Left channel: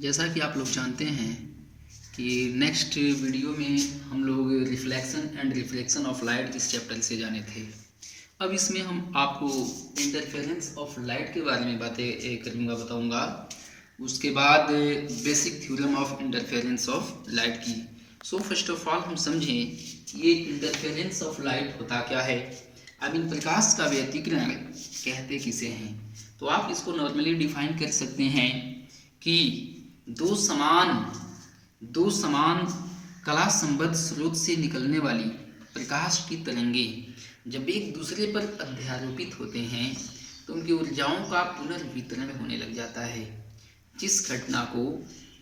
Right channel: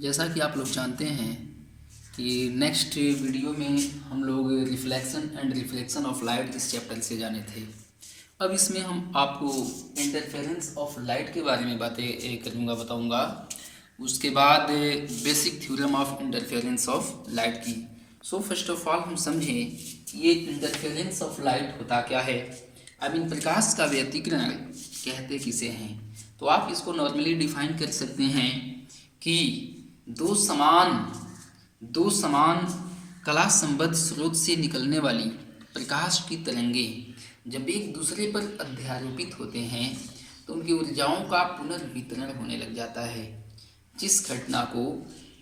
जैसा कि आप लोग जानते हैं कि नेक्स्ट वीडियो में हम लोग reflection and reflection of light इस चैप्टर से जाने थे। अब इसमें हम आपको इंटरफेरेंस ऑफ लाइट के बारे में बातें करूँगा, बताऊँगा। उसके बाद basic theorem of interference of light की। सो फर्स्ट ऑफ ऑल हम समझें कि ये इंटरफेरेंस ऑफ लाइट होता क्या है। आई मीन प्रकाश का व्यतिकरण कहते किसे हैं। तो आप इसको नॉर्मली डिफाइन कर सकते हैं कि दो समान कला संबद्ध स्रोत से निकलने वाली प्रकाश की तरंगें जब एक दूसरे पर अध्यारोपित होते हैं तो उनकी ऊर्जाओं का पुनर्वितरण होने लग जाता है, जिस घटना को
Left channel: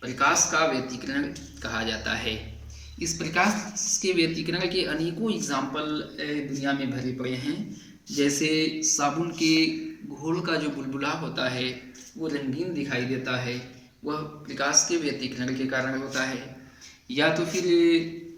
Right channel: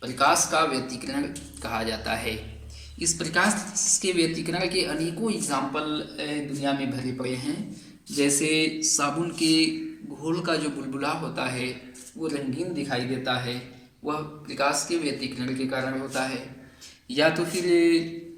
प्रकाश का व्यतिकरण कहा जाता है। इस प्रकाश के व्यतिकरण के अनेकों एग्जाम्पल दुनिया में भरे पड़े हैं। जैसे साबुन के घोल का जो बुलबुला होता है वो रंगीन दिखाई देता है, वह प्रकाश के व्यतिकरण के कारण होता है। या तो फिर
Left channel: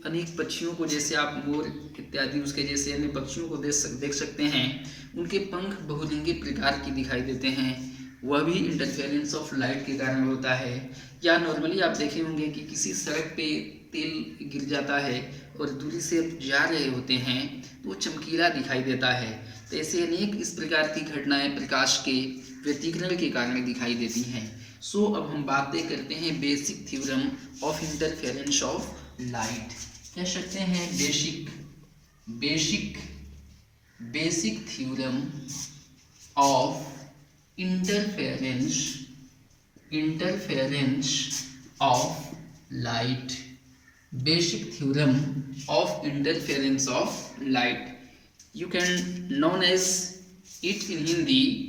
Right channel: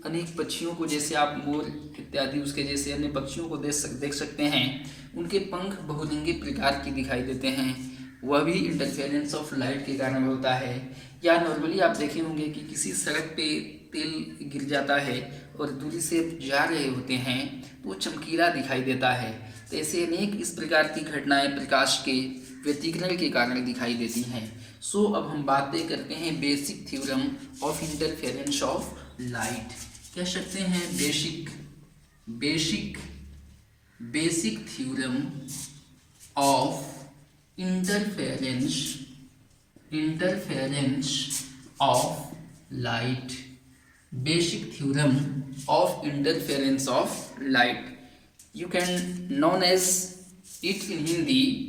अनेक पक्षियों को, जैसे आप मोर इत्यादि उसके जैसे अन्य पक्षियों को देख सकते हैं, उनके पंख बहुरंगी प्रकार की दिखाई देते हैं, वह भी इंटरफेरेंस ऑफ लाइट के कारण होता है। या नॉर्मली आप देखे होंगे कि किसी सड़क पे तेल गिर जाता है और दूरी से जा रहे होते हैं तो वो चमकीला दिखाई देता है। तो ऐसे अनेक इस प्रकार की घटनाएं प्रकाश के व्यतिकरण के कारण दिखाई देती हैं। सो अब हम बातें करते हैं basic theorem of interference of light. कह सकते हैं basic theorem of interference of light. Basic theorem of interference of light, you can known as it in Hindi,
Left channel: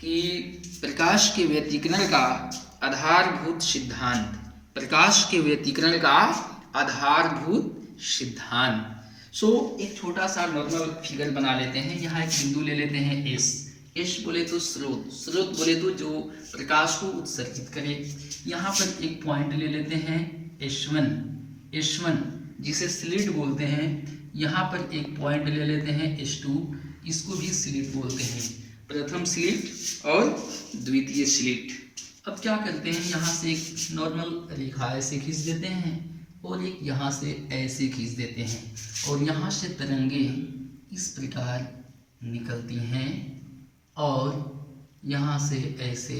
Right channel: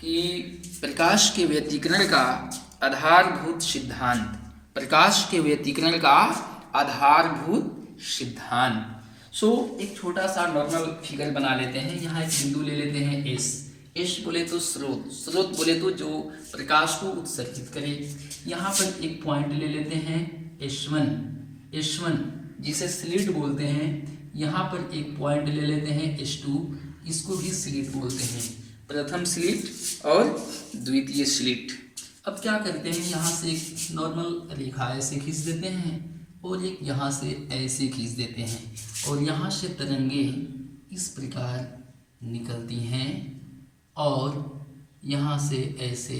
कि प्रकाश के व्यतिकरण का आधारभूत सिद्धांत। प्रकाश के व्यतिकरण का आधारभूत सिद्धांत। सो एक छोटा सा नॉर्मल फिगर बना लेते हैं। यहाँ एक बिंदु ले लेते हैं एस बोले तो स्रोत बोले तो जो प्रकाश को उत्सर्जित करे। यहाँ पर एक पॉइंट ले लेते हैं S1 जिसे स्लिट बोलते हैं। यहाँ पर एक पॉइंट ले लेते हैं S2, इसको भी स्लिट बोलते हैं, प्रथम स्लिट और द्वितीय स्लिट। अब क्या करते हैं, यहाँ से एक नॉर्मल रेखा ऐसे खींच देते हैं और एक यहाँ से ऐसे खींच देते हैं, और यहाँ से तरंगें इस प्रकार निकलती हैं और यहाँ से ऐसे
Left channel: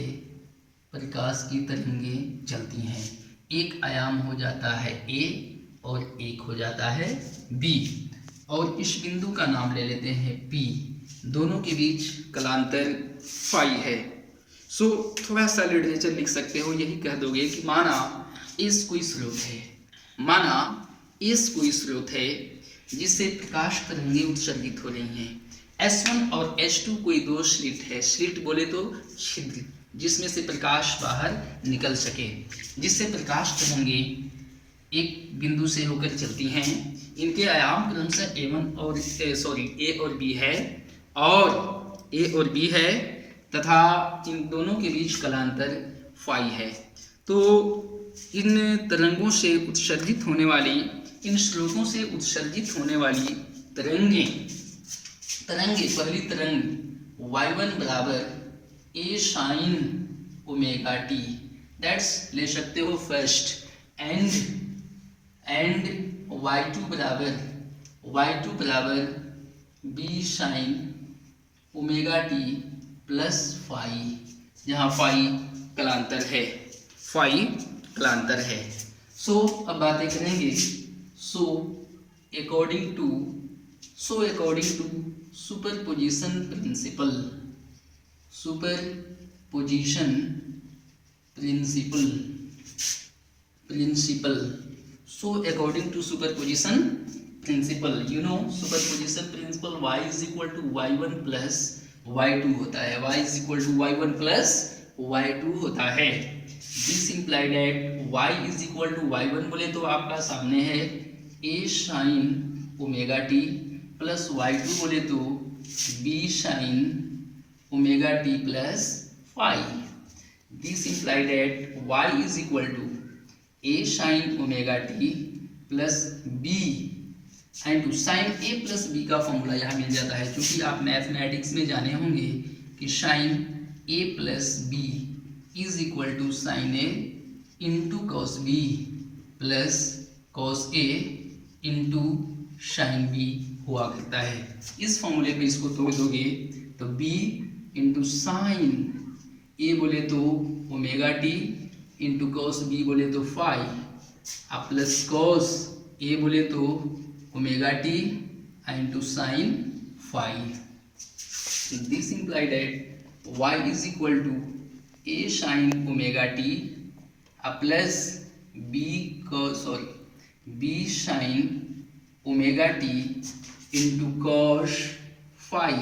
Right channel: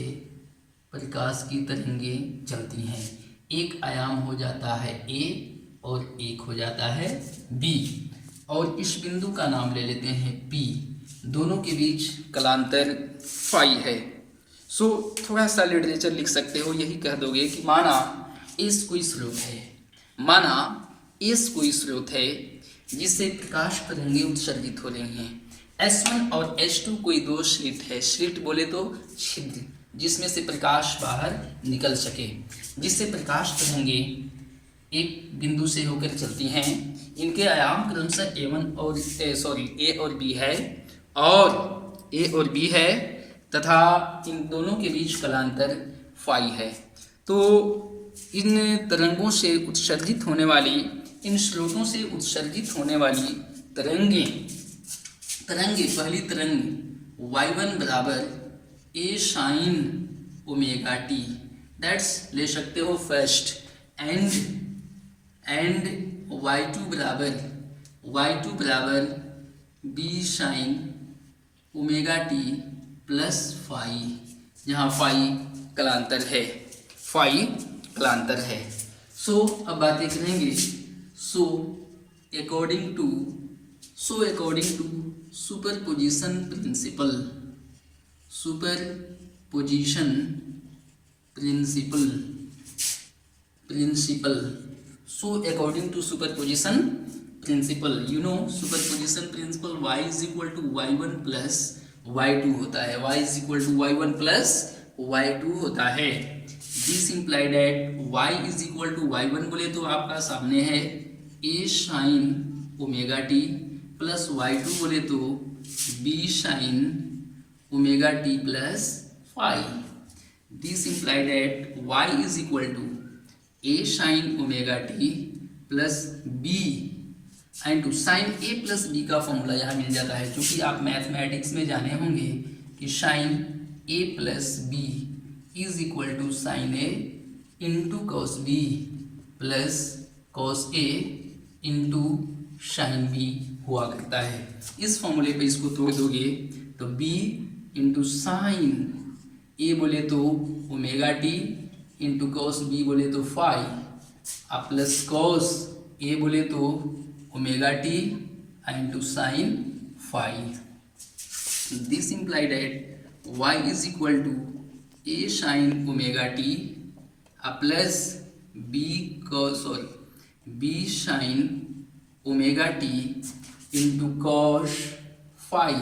प्रकाश की तरंगें चलती हैं। एक आयाम हो जाता है A और एक हो जाता है B, और इस बिंदु का नाम ले लेते हैं P। दोनों के बीच कलांतर फाई है। सो थोड़ा सा लिटरेचर लिख सकते हो, यही कह दोगे कि माना एस कोई स्रोत है जिससे प्रकाश तरंगें उत्सर्जित हो रही हैं। S1 और S2 कोई दो स्लिट है। स्लिट बोले तो छिद्र, जिसमें से प्रकाश बाहर निकल सके, जिससे प्रकाश तरंगें एक बिंदु से होकर चलती हैं। इनके आयाम क्रमशः A और B है, और A और B है, तथा इन दोनों के बीच कलांतर फाई है। तो इन तरंगों से उत्सर्जित होने वाली, इन स्रोतों से उत्सर्जित होने वाली तरंगें, पहली तरंग y1 बराबर A sin omega t, that's ले सकते हो फर्स्ट, एंड y2 बराबर B sin omega t plus phi, जहाँ फाई कलांतर है। सो अब बातें करेंगे। So according to superposition principle, so according to superposition principle, you know superposition principle y is equal to y1 plus y2 होता है। y is equal to y1 plus y2 होता है। This imply that y is equal to y1 बोले तो आपका सामने है A sin omega t, plus y2 बोले तो B sin omega t plus phi. This imply that y is equal to A sin omega t plus B and sine A plus B का formula यहाँ मिल जाता है, क्योंकि आप mathematics में जाने होंगे कि sine A plus B is equal to sine A into cos B plus cos A into sine B हुआ करता है। इस फॉर्मूले पे इसको तोड़ दोगे तो b इंटू साइन ए बोले तो omega T into cos B बोले तो फाई प्लस कॉस ए बोले तो omega T into sine phi. This imply that y is equal to A sine omega t plus B sine omega T into cos phi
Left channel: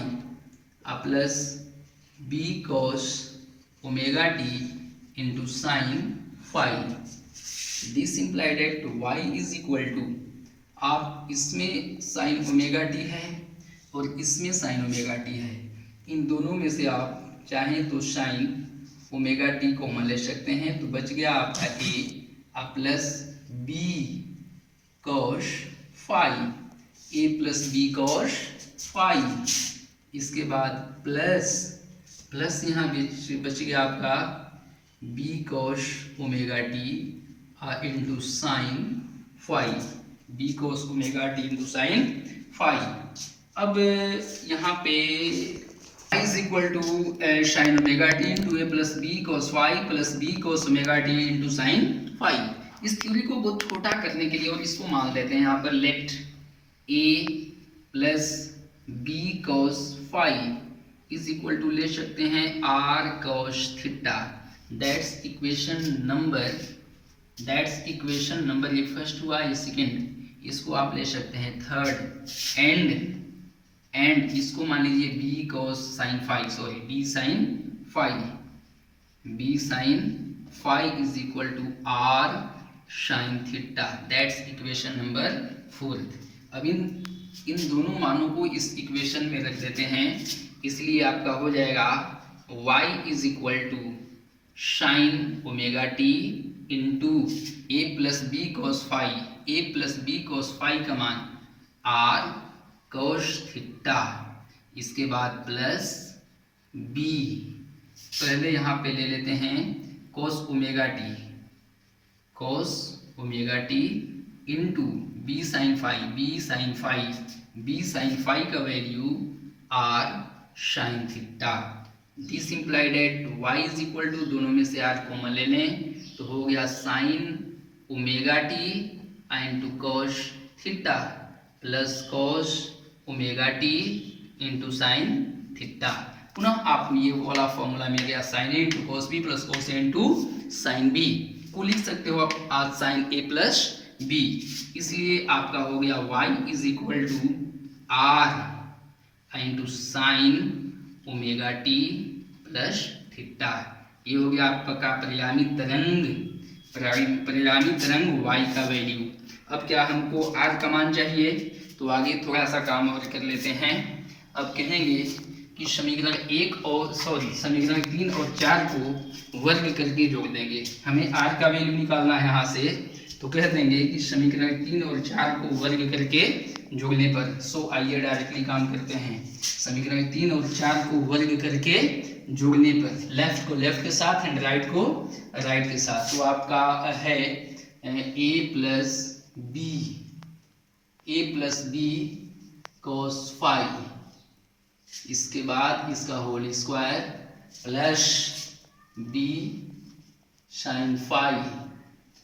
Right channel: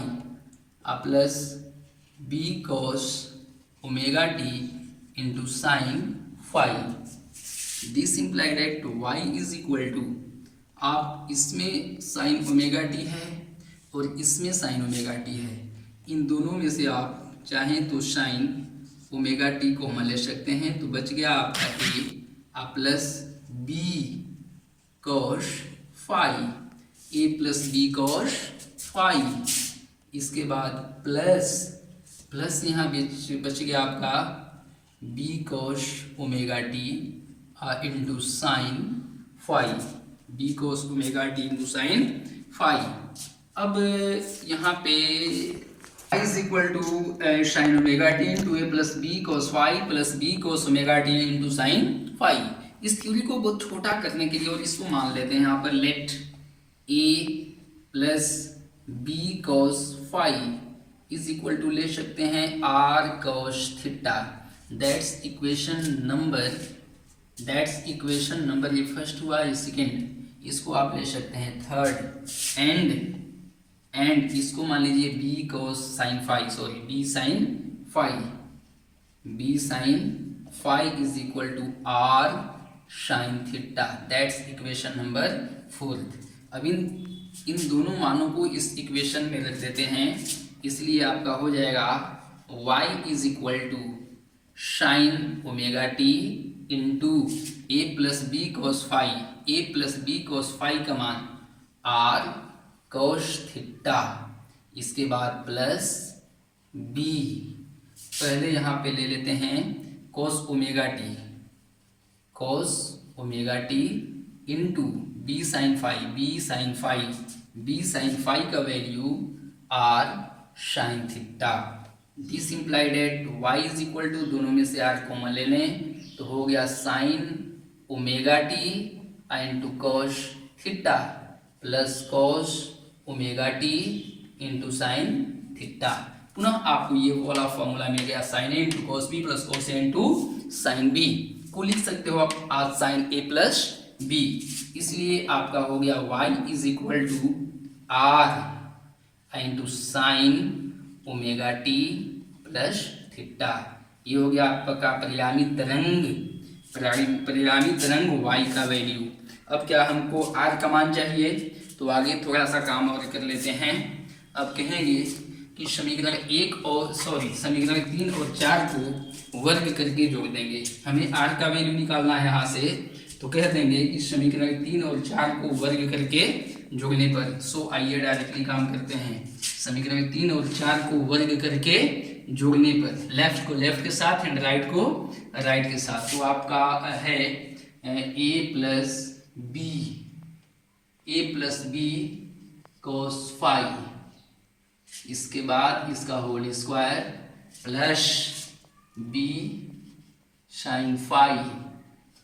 plus B cos omega T into sine phi. This imply that y is equal to, आप इसमें sign omega T है और इसमें sign omega T है, इन दोनों में से आप चाहें तो साइन ओमेगा टी को कॉमन ले सकते हैं, तो बच गया आपका a plus B cos phi A plus B cos phi. इसके बाद प्लस यहाँ बच गया आपका B cos omega T into sine phi, B cos omega T into sine phi. अब यहाँ पे is equal to sine omega T into A plus B cos phi plus B cos omega T into sine phi. इस theory को बहुत छोटा करने के लिए और इसको मान लेते हैं यहाँ पर let A plus B cos phi is equal to ले सकते हैं R cos theta. That's equation number ये फर्स्ट हुआ, ये सेकेंड, इसको आप ले सकते हैं थर्ड एंड इसको मान लीजिए B cos sine phi is equal to R sine theta. That's equation number fourth. अब इन दोनों मानों को इस इक्वेशन में रख देते हैं, इसलिए आपका हो जाएगा y is equal to sine omega T into A plus B cos phi का मान आर कॉस थीटा, इसके बाद प्लस बी, पहले यहाँ पे ले लेते हैं cos omega T into B sine phi का value R sine theta. This implied at y is equal to, दोनों में से r कॉमन ले लें तो हो गया sine omega T into cos theta plus cos omega T into sine theta. पुनः आपको ये वाला फॉर्मूला मिल गया sine A into cos B plus cos A into sine B को लिख सकते हो आप आज साइन ए प्लस बी, इसलिए आपका हो गया y is equal to R into sine omega t plus theta. ये हो गया आपका परिणामी तरंग y का वैल्यू। अब क्या हमको r का मान चाहिए, तो आगे थोड़ा सा काम और कर लेते हैं। अब कहेंगे कि समीकरण 3 और 4 को वर्ग करके जोड़ देंगे। हमें r का वैल्यू निकालना है यहाँ से, तो कह देंगे कि समीकरण 3 और 4 को वर्ग करके जोड़ने पर, सो आइए डायरेक्टली काम करते हैं। समीकरण 3 और 4 को वर्ग करके जोड़ने पर लेफ्ट को लेफ्ट के साथ एंड राइट को राइट के साथ, तो आपका है A plus B cos phi, इसके बाद इसका whole square plus B sine phi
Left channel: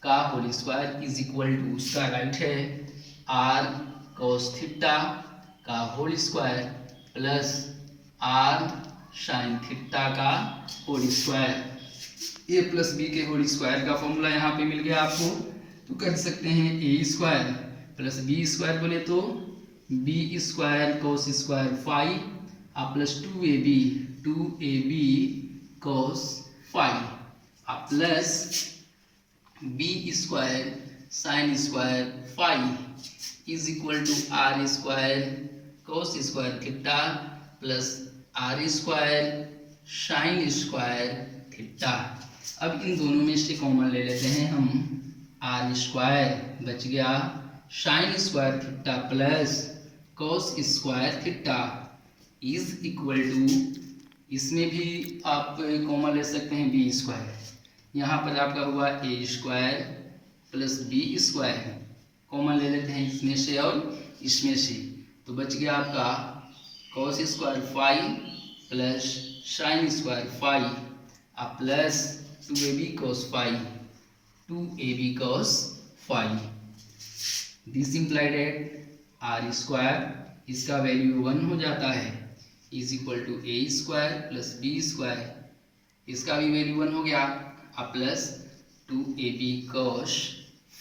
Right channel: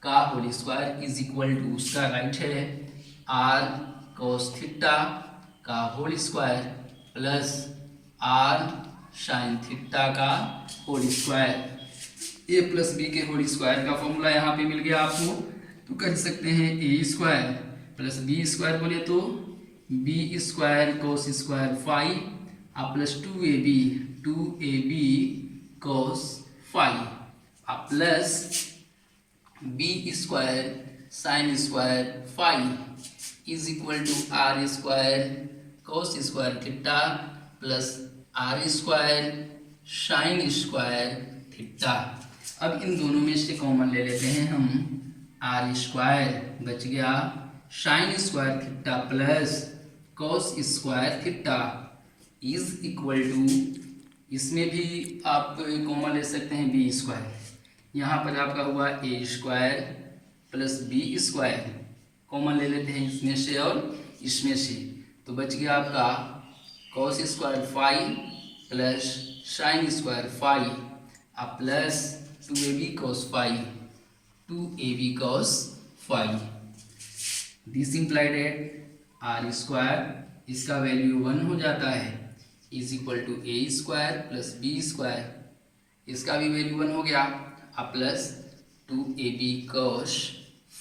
का whole square is equal to, उसका राइट है आर कॉस थीटा का whole square plus R sine theta का whole square. A plus B के whole square का फॉर्मूला यहाँ पे मिल गया आपको, तो कर सकते हैं A square plus B square बोले तो B square cos square phi plus 2ab cos phi plus B square sine square phi is equal to R square cos square theta plus R square sine square theta. अब इन दोनों में से common ले लेते हैं हम, आर स्क्वायर बच गया sine square theta plus cos square theta is equal to, इसमें भी आप कॉमन ले सकते हैं बी स्क्वायर, यहाँ पर आपका हुआ A square plus B square, common ले लेते हैं इसमें से और इसमें से, तो बच गया आपका cos square five plus sine square five अब plus 2ab cos five, 2ab cos five. This implied at R square, इसका वैल्यू 1 हो जाता है, is equal to A square plus B square, इसका भी वैल्यू 1 हो गया, अब प्लस 2ab cos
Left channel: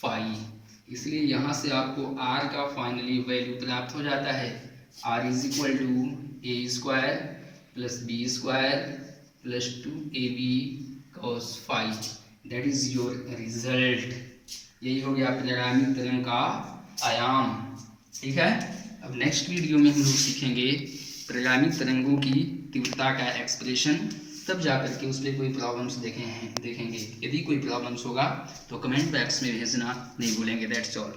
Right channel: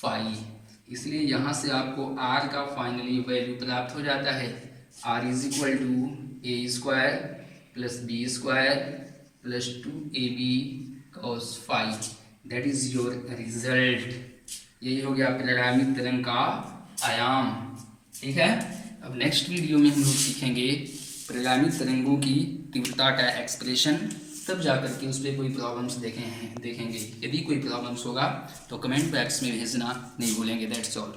फाइव। इसलिए यहाँ से आपको r का फाइनली वैल्यू प्राप्त हो जाता है, r is equal to A square plus B square plus 2ab cos phi, that is your result. यही हो गया परिणामित तरंग का आयाम। ठीक है, अब नेक्स्ट वीडियो में हम लोग सीखेंगे परिणामित तरंगों की तीव्रता का एक्सप्रेशन, तब जाकर के उस पर कोई प्रॉब्लम्स देखेंगे। यदि कोई प्रॉब्लम्स होगा तो कमेंट बॉक्स में भेजना नहीं भूलेंगे। That's all.